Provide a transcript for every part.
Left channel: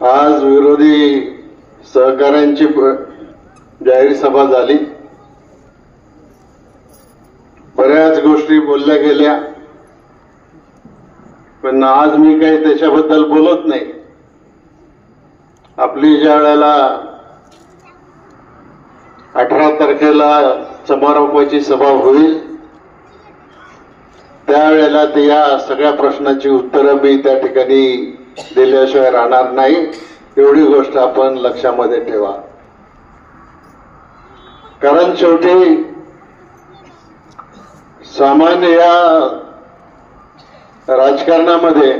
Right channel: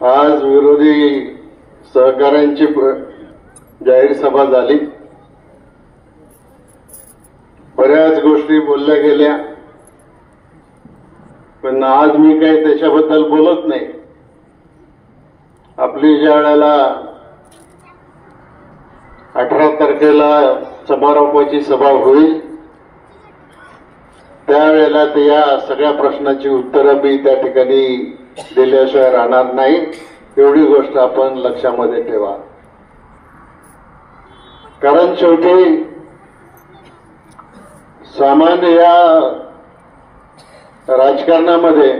आज विरोधी सहकाऱ्यांची जाहीर सभा झाली. बऱ्याच गोष्टी बोलल्या गेल्या, पण आज मी काही त्याच्याबद्दल बोलत नाही. आपली ज्या वेळेला 18 तारखेला समारोपाची सभा होईल त्यावेळेला या सगळ्या प्रश्नाची उत्तरं मी त्या ठिकाणी दिल्याशिवाय राहणार नाही. एवढी गोष्ट आपण लक्षामध्ये ठेवा. कारण शेवटी सामान्य या राजकारणामध्ये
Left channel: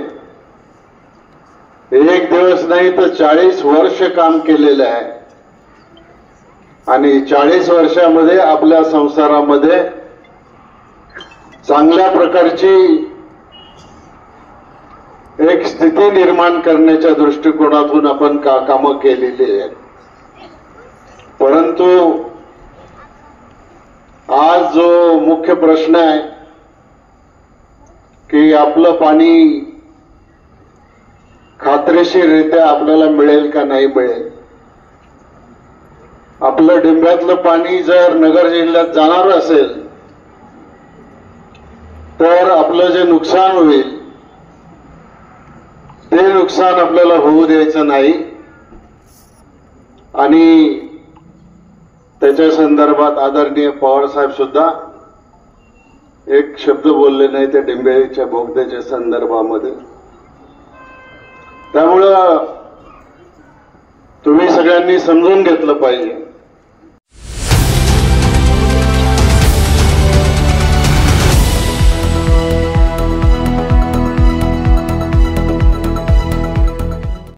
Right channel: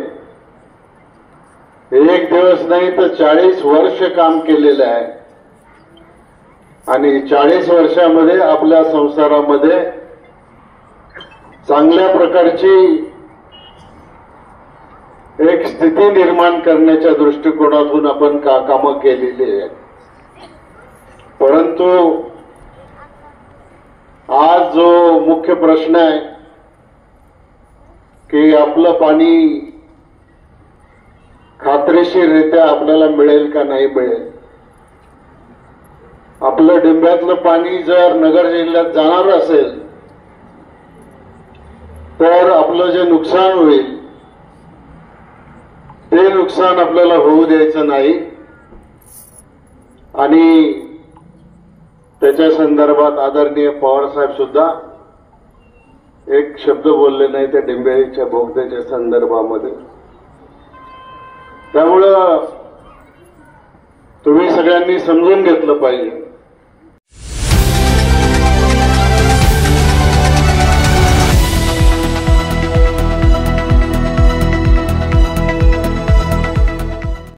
एक दिवस नाही तर 40 वर्ष काम केलेलं आहे आणि 40 वर्षामध्ये आपल्या संसारामध्ये चांगल्या प्रकारची एक स्थिती निर्माण करण्याच्या दृष्टिकोनातून आपण कामं केलेली आहेत. परंतु आज जो मुख्य प्रश्न आहे की आपलं पाणी खात्रीशीररित्या आपल्याला मिळेल का नाही मिळेल. आपलं डिंब्यातलं पाणी जर नगर जिल्ह्यात जाणार असेल तर आपलं जे नुकसान होईल ते नुकसान आपल्याला होऊ द्यायचं नाही. आणि त्याच्या संदर्भात आदरणीय पवार साहेब सुद्धा एक शब्द बोलले नाही त्या डिंबेच्या बोगद्याच्या संदर्भामध्ये. त्यामुळं तुम्ही सगळ्यांनी समजून घेतलं पाहिजे